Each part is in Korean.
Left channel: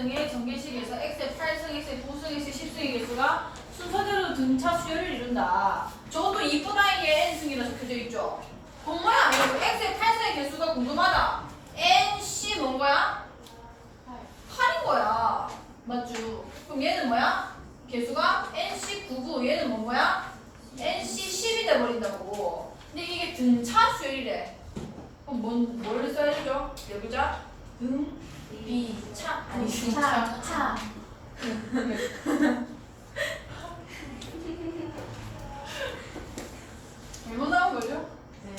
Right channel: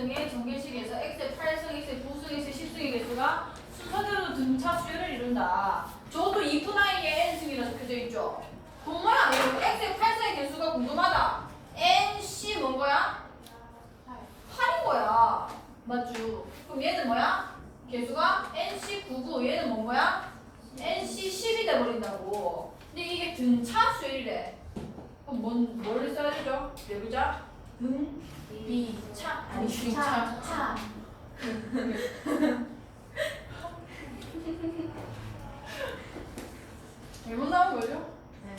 8승의 전개식에서 x의 8승, x의 9승, x의 10승의 개수가 순서대로 등차 수열을 이룬다. 저것도 2분의 n승이라 적혀져 있죠. 이거 x의 8승의 개수가 궁금하다. nc 뭔 거야? 8인 거야. 맞죠? 그럼 얘는 뭐야? 개수가 nc99 얘는 뭔 거야? nc10이 돼버린다고. 근데 이게 등차 수열이래. 그럼 뭔, 뭘 써야 되죠? 여기자 등, 비, 차 아니 등차. 차. 잘못 나온 거죠? 네.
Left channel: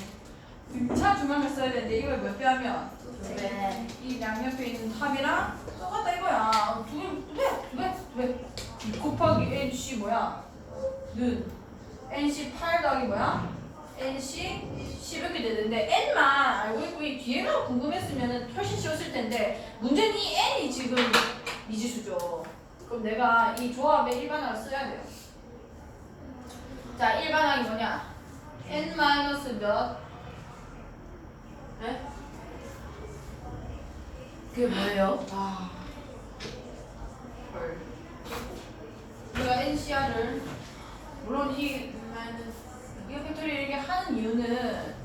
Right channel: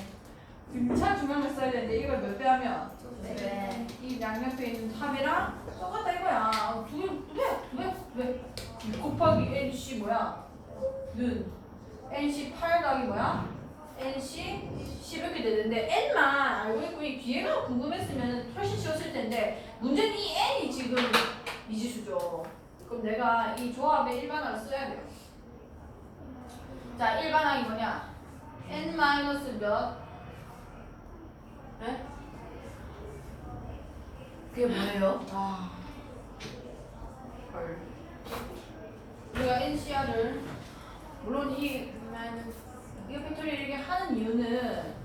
등차 중앙을 써야 되는데 이걸 몇 배 하면 네. 이 양옆에 있는 탑이랑 똑같다 이거야. 두 개, 두 배, 두 배, 두 배. 이 곱하기 NC 뭐야? 는 NC 8 더하기 뭐야? NC 10 이렇게 되는데 N만 알고 있고 이 뒤에가 궁금했으면 훨씬 쉬웠을 텐데 문제는 이 N이 지금 미지수죠. 그럼 내가 이 조합의 일반화를 써야 돼요. 자, 일반항이 뭐냐? N 마이너스 몇? 네? 그게 뭐예요? 아, 헐. 우리가 NCR을 물론 이 이게 팩토리얼 이렇게 하는 이유는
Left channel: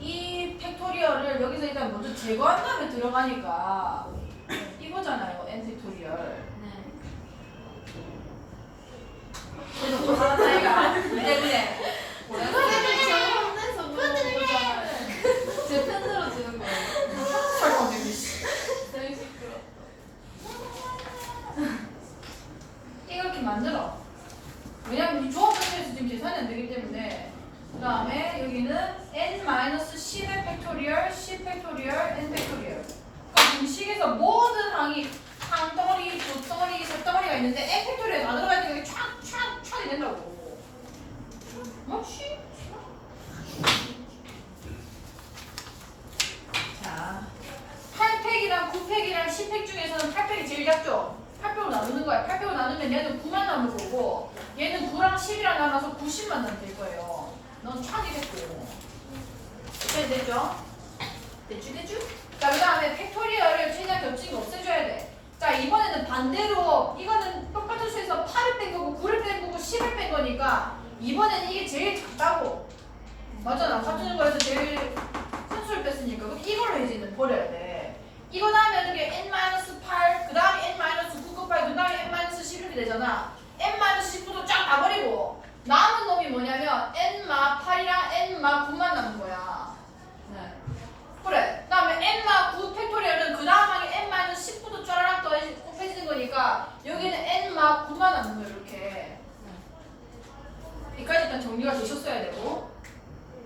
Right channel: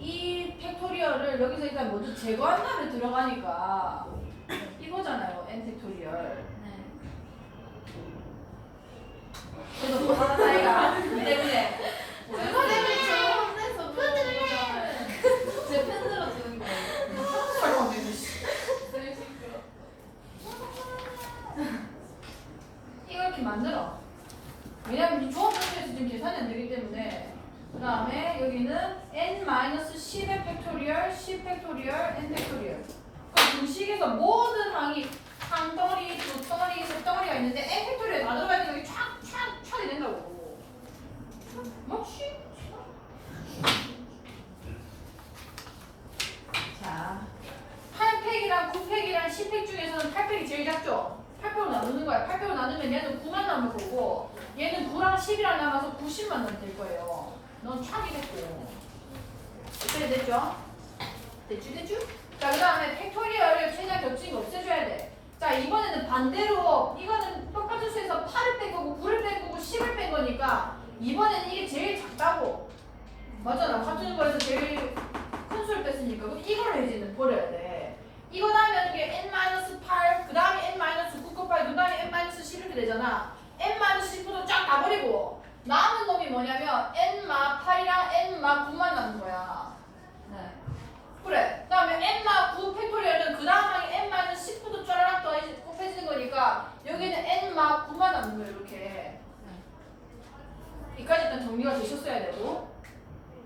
이 팩토리얼을 여기서 일단 먼저 제거한 다음에 들어가니까 이거잖아요, N 팩토리얼. 네. 또 하나 차이가 이 때문에 제 펜으로 지는 거예요. 설명되기 씨. 너무 시끄러. 이렇게 만들어. 왜냐면 이 조합 단계에서 지금 계산이 안 되기 때문에 그 다음에 여기는 n-10의 팩토리얼, 10 팩토리얼, n 팩토리얼 그럼 공식에서 모든 항이 항덩어리, 두덩어리, 세덩어리가 있는데 n 팩토리얼 다 들어가니까 이게 촥 촥 촥이 된다고 맞지? 자 8팩이랑 9팩이랑 10팩 중에서는 8팩이 제일 작죠? 8팩으로 나누는 거야. 8팩으로 나누면 얘는 9만 남을 거고 얘는 9랑 10이랑 남아서 90만 남될 거예요. 넌 촥이 됐고. 이렇게 됐죠? 됐죠? 됐죠? 자, 그 다음에 팩토리얼을 최대한 겹친 거 없애줘야 돼. 자, 이번에는 반대로 이거는 똑같은 수에서 8을 뺀 거고 9를 뺀 거고 10을 뺀 거니까 이번에는 이게 제일 작다고. 맞잖아. 같은 거에서 제일 큰 수를 뺐으니까 그럼 이걸 이제는 버려야 돼. 이거 다음에 이게 n-8, 그 다음에 n-9 곱하기 그 다음에 n-10 이렇게 되잖아. n-10부터 쫙 다 버리고 남은 놈이 뭐냐면 n-8이랑 n-9만 남은 거야. 네. 그래. 그 다음에 n-9 팩토리얼은 그 다음 항에 n-10부터 쫘라락 더해지 곱해지는 거니까 여기는 n-9만 남는 거야 이렇게. 여기까지 일단 정리가 되셨어야 되고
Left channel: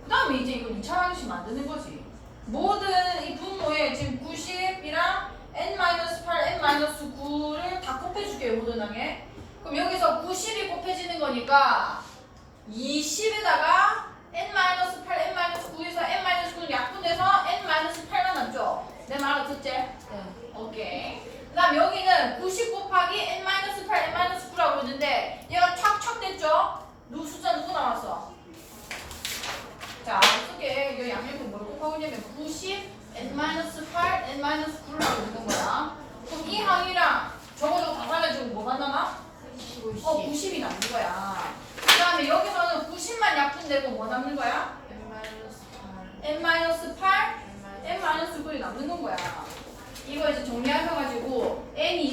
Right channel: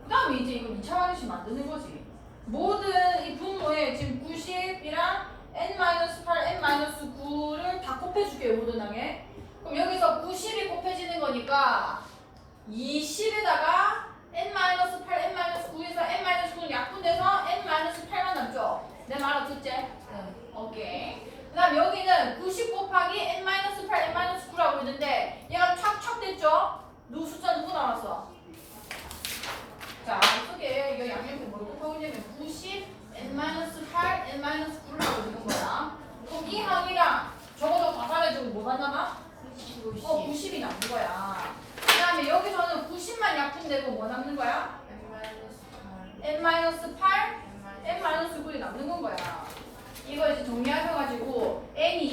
그 다음에 이제 이거 2차 방식 만드는 거지 모든 이 분모에 지금 90이랑 n-8, n-9를 다 곱해줄게요 모든 항에 그럼 여기서 90이 곱해지는 거니까 20에다가 n-8, n-9에서 n-9는 약분돼서 n-8만 남죠 내말 알아듣지? 네. 오케이. 그 다음 여기는 90 곱하기 n-8, n-9라고 있는데 얘가 촥촥 됐죠? 누구 숫자 누구 나왔어? 자, 어떻게 이 양면표 뭘 곱하고 있냐면 90, n-8, n-9를 하고 있는 거야. 그럼 이 항이랑 저거도 다 사라지고 뭐가 남아? 어, 90이 남는 거야. 그 다음에 여기서는 90만 약분되고 뭐 남는 거야? n-8, n-9이 남는 건 거야. 이거 이제 정리하셔 가지고 n이